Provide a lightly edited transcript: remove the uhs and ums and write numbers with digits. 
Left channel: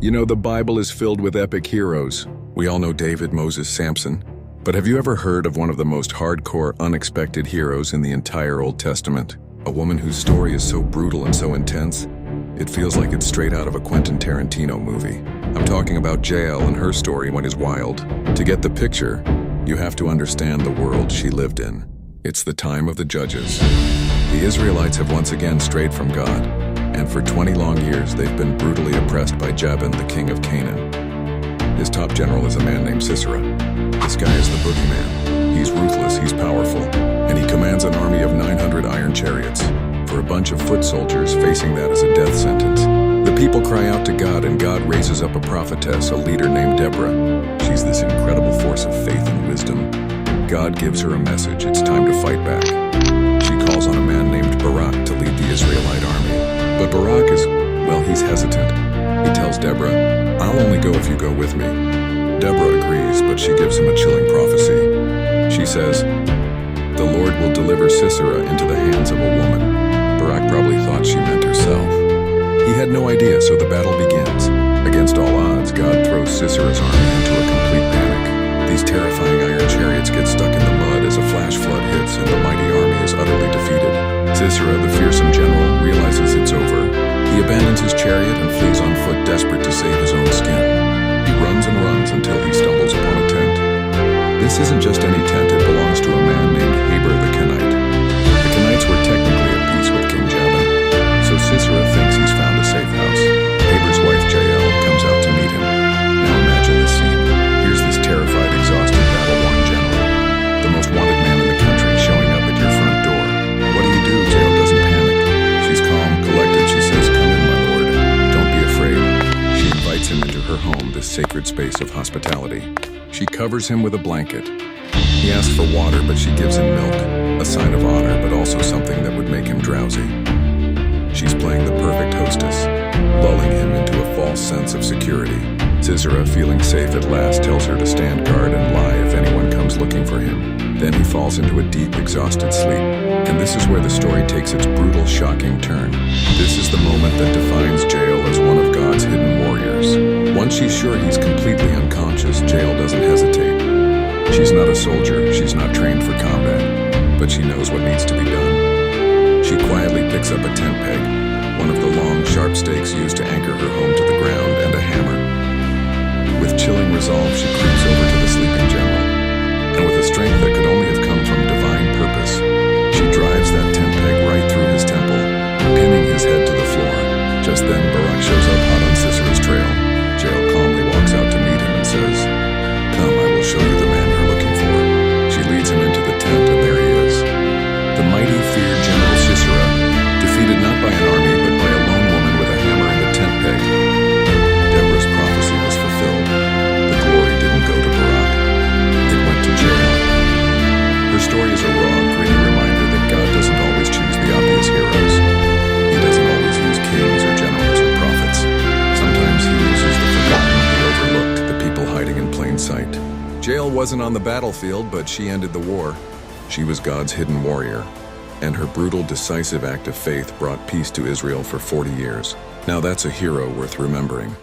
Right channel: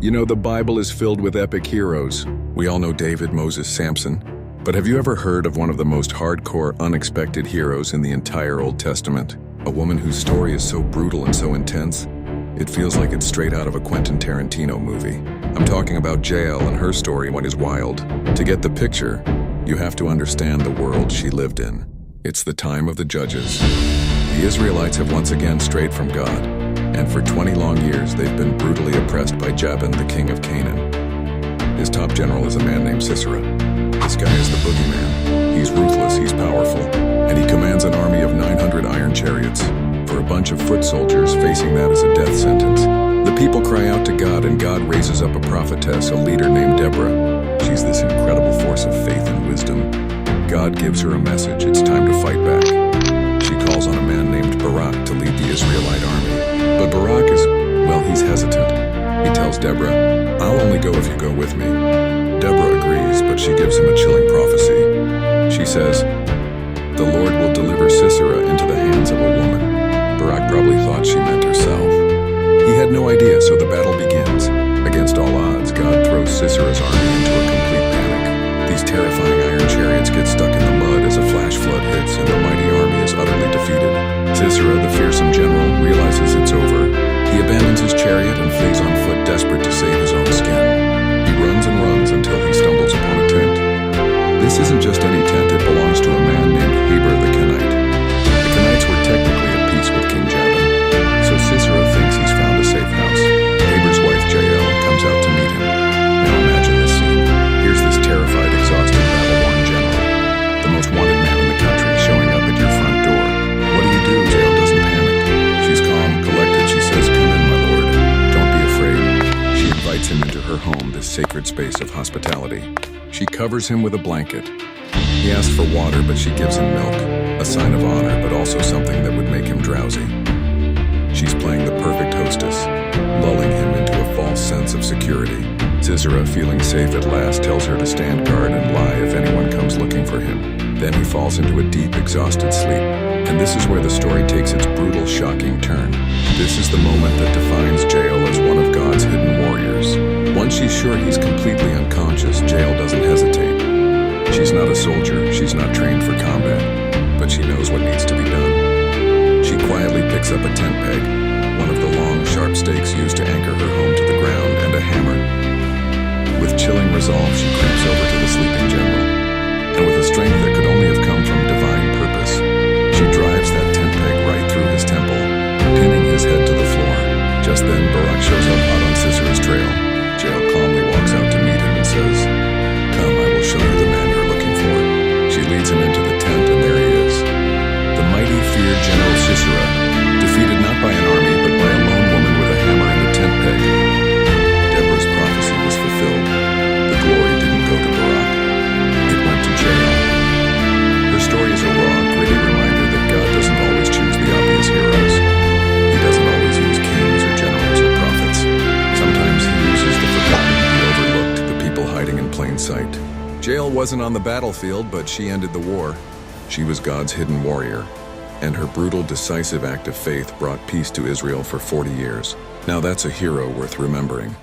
You know, the Bible is filled with epic heroes. We all know David, Moses, Samson. But have you ever heard of one of the most hardcore, unexpected heroes in the entire Old Testament? A woman whose story is so brutal and so intense, it feels like it's straight out of a Quentin Tarantino movie. I'm talking about Jael, and her story is wild. To get the picture, you have to understand the world she lived in. It's the time of the judges. The Israelites have once again strayed from God, and for 20 long years they've been brutally oppressed by Jabin, the king of Canaan. His top general is a man named Sisera. This guy is the boogeyman. He's ruthless, he's powerful, and he commands an army of 900 iron chariots. For a bunch of foot soldiers, facing that is a death sentence. The people cry out to God, and God raises up a prophetess, a leader named Deborah. She's this incredible force of faith and wisdom. God gives her a message: it's time to fight back. She calls on a man named Barak to lead the Israelite army. But Barak he's hesitant. He tells Deborah, "I'll only go if you go with me." Deborah agrees, but she gives him a chilling prophecy. She says, "The Lord will deliver Sisera into the hands of a woman." Barak probably thought she meant herself. He had no idea, so the battle begins. Against all odds, God throws Sisera's army into a complete panic. These terrifying iron chariots get stuck in the mud as a flash flood hits, and the mighty army is utterly defeated. Sisera, the fearsome general, realizes it's over. He abandons his chariot and flees on foot, desperate to save his own skin. He runs and runs until he stumbles upon a tent. This isn't just any tent, it belongs to a man named Heber the Kenite. The Kenites were technically at peace with King Jabin, so Sisera thinks he's found a safe house. Heber's wife, Jael, comes out to meet him. Now imagine this scene. Here's this terrified, exhausted, battle-worn general, the most wanted man in the country, showing up at your front door. What do you do? Jael doesn't panic. She's calm, collected. She says, "Come in, my lord. Don't be afraid." She invites him into her home, this sacred space of hospitality. She covers him with a blanket. He asked for water, but she gives him milk, a sign of honor, but also something that would make him drowsy. She's playing the perfect hostess, lulling him into a false sense of security. Sisera, feeling safe at last, tells her to stand guard and lie if anyone comes looking for him. Then he falls into a deep, exhausted sleep. And this is where the story takes its brutal, shocking turn. This is the moment that defines Jael as one of God's hidden warriors. Once she's sure he's completely unconscious, Jael doesn't hesitate. She's not a soldier, she's not trained for combat, but she knows what needs to be done. She quietly picks up a tent peg, one of the long, sharp stakes used to anchor her home to the ground, and a hammer. With chilling resolve, she creeps over to the sleeping general, and with a strength that could only have come from divine purpose, she drives that tent peg right through his temple, pinning his head to the floor. Just then, Barak shows up hot on Sisera's trail. Jael calmly walks out to meet him and says, "Come, I will show you the man you're looking for." She leads him into the tent, and there he is. The mighty, feared General Sisera, defeated not by an army, but by a lone woman with a hammer and a tent peg. Deborah's prophecy was fulfilled. The glory didn't go to Barak. It went to Jael. Her story is a raw, gritty reminder that God doesn't always choose the obvious heroes. He doesn't always use kings or generals or prophets. Sometimes he uses the forgotten, the overlooked, the people hiding in plain sight. Jael wasn't on the battlefield, but she ended the war. She was God's hidden warrior, and her brutal, decisive act of faith brought peace to Israel for 40 years. Now that's a hero worth remembering.